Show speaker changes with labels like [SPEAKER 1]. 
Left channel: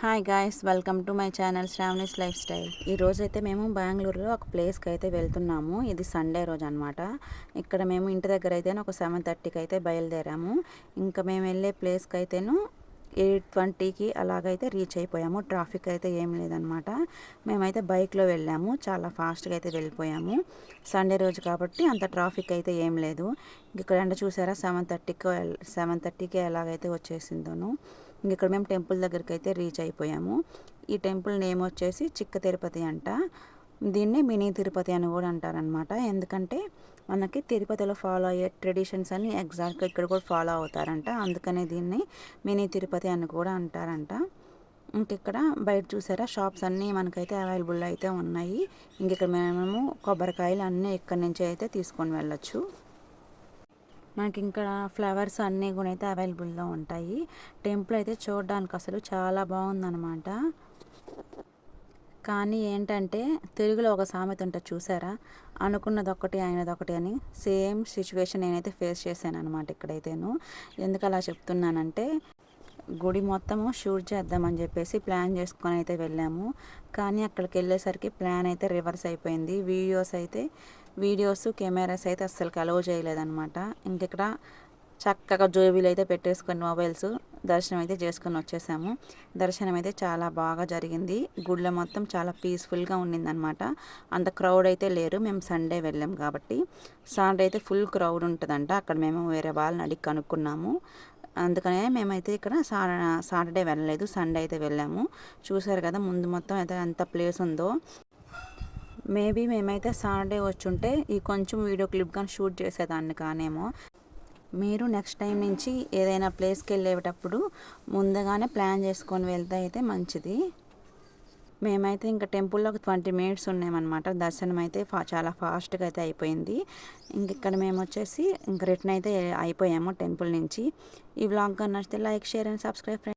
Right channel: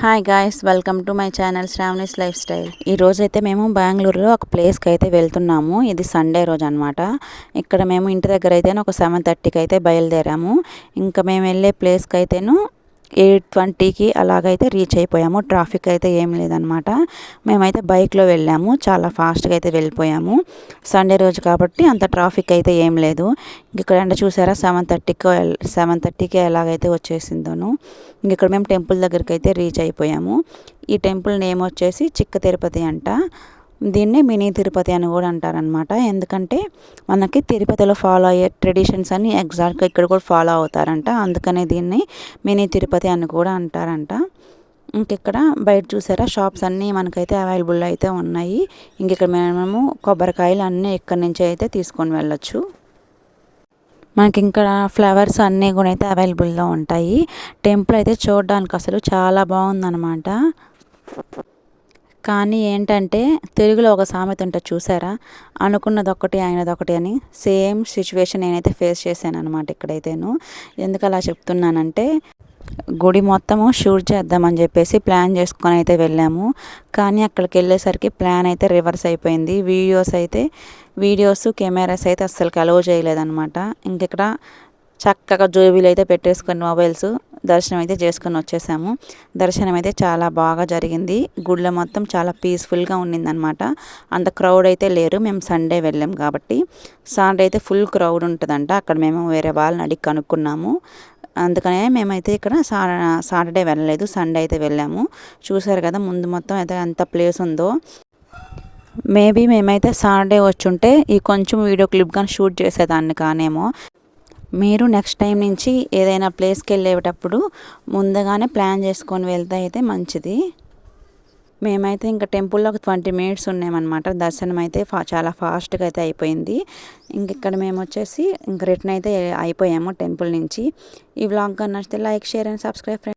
[SPEAKER 1] Hi guys welcome to my channel Sravani's lifestyle ఈ అయితే మేము బెంగళూరులో ఒక ప్లేస్కి అయితే వెళ్తున్నాము. ఇది సండే రోజు అనమాట ఇక్కడ మేము ఇంటి దగ్గర అయితే ఒక సెవెన్ థర్టీకి అయితే బయలుదేరాము. ఇంకా మేము వెళ్ళే ప్లేస్కి అయితేను ఎయిట్ ట్వంటీకి అలాగైతే రీచ్ అయిపోయాము. ట్రాఫిక్ అయితే ఏం లేదనమాట మేమైతే బైక్లో వెళ్ళాము. చాలా ఫాస్ట్గా అయితే వెళ్ళిపోయాము. సండే రోజు కాబట్టి అంత ట్రాఫిక్ అయితే ఏం లేదు. ఇక్కడ ఎండ చూసారా సెవెన్ థర్టీకి సెవెన్ థర్టీకి ఎలాగైతే వచ్చేసిందోను ఇంక ఇక్కడ మేము టెంపుల్ దగ్గరికి అయితే రీచ్ అయిపోయాము. ఈ టెంపుల్ నేమ్ వచ్చేసి చిక్క తిరుపతి అంట. దీన్ని మినీ తిరుపతి అని కూడా అంటారనమాట ఎందుకంటే మనకి తిరుపతిలో ఫాలో అయ్యే ట్రెడిషన్స్ అన్ని ఎగ్జాక్ట్గా ఇక్కడ కూడా ఫాలో అవుతారంట. అందుకనే దీన్ని మినీ తిరుపతి అని కూడా అంటారంట. ఇంకెక్కడ బయట చూసారా? షాప్స్ అన్నీ మనకైతే అవైలబుల్ అయితే ఉన్నాయి. ఇంకెక్కడ మేము కొబ్బరికాయలు అన్నీ ఇక్కడి నుంచి అయితే తీసుకొని వెళ్ళొచ్చు. మనకి ఇంకా ఫ్లవర్స్ అన్నీ కూడా అయితే అవైలబుల్లో ఉంటాయి. టెంపుల్ అయితే చూడడానికి అసలు చాలా బాగుందన్నమాట. కానీ ఏంటంటే తెలుగులో ఒక సామెత ఉంటుంది చూసారా? అనుకున్నది ఒకటి అయినది ఒకటి అని సేమ్ సిచ్యువేషన్ నేనైతే ఫేస్ చేశాను అనమాట ఇక్కడైతేను. ఎందుకు అలా చెప్తున్నానంటే గుడి మొత్తము షూట్ చేద్దామని చెప్పేసి ప్లాన్ చేసుకొని అయితే వెళ్ళాము. కానీ అక్కడికి వెళ్ళేసరికి ప్లాన్ అయితే రివర్స్ అయిపోయింది. వీడియోస్ అయితే వీడియోస్ కెమెరాస్ అయితే అస్సలు అలౌ చేయలేదన్నమాట. ఇంకెక్కడ చక్కగా జోబీలు అయితే పెట్టేసుకొని మొబైల్స్ దర్శనం అయితే చేసుకొని వచ్చేసాము. దర్శనం అయితే చాలా బాగా జరిగింది. గుళ్ళ మొత్తం చాలా పీస్ఫుల్గా ఉన్నిందనమాట అంత క్రౌడ్ అయితే లేరు. మేము సండే వెళ్ళాం కాబట్టి. సండే అయితే ఫుల్ క్రౌడ్ ఉంటుందంట. అక్కడ మేము వేరే వాళ్ళని అడిగి కనుక్కున్నాము. అందుకనే మేమైతే ఇక్కడ సా సాటర్డే వెళ్ళలేదు. సండే అయితే వెళ్ళాము. చూసారు కదా ముందు మొత్తం అయితే ఎంత ప్లేస్ ఉందో. మేబీ మేమైతే సాటర్డే వచ్చుంటే ఈ కొంచెం వీడియో క్లిప్ కానీ షూట్ చేసేదాన్ని కానేమో. మీరు నెక్స్ట్ టైం నుంచి ఏదైనా ప్లేస్కి వెళ్ళేటప్పుడు ముందుగానే ప్లాన్ చేసుకొని వెళ్తే అయితే మంచిది. మేమైతే ఇంకా టెంపుల్లో ఒక ట్వంటీ మినిట్స్ ఉన్నామన్నమాట. దర్శనం అయితే ఫా చాలా ఫాస్ట్గా అయితే అయిపోయింది. ఇంక ఇక్కడ మేము వచ్చేసి ఇంక రిటర్న్ అయితే అయిపోయాము టెంపుల్ నుంచి. ఈ వ్లాగ్ నచ్చితే లైక్ షేర్ అండ్ సబ్స్క్రైబ్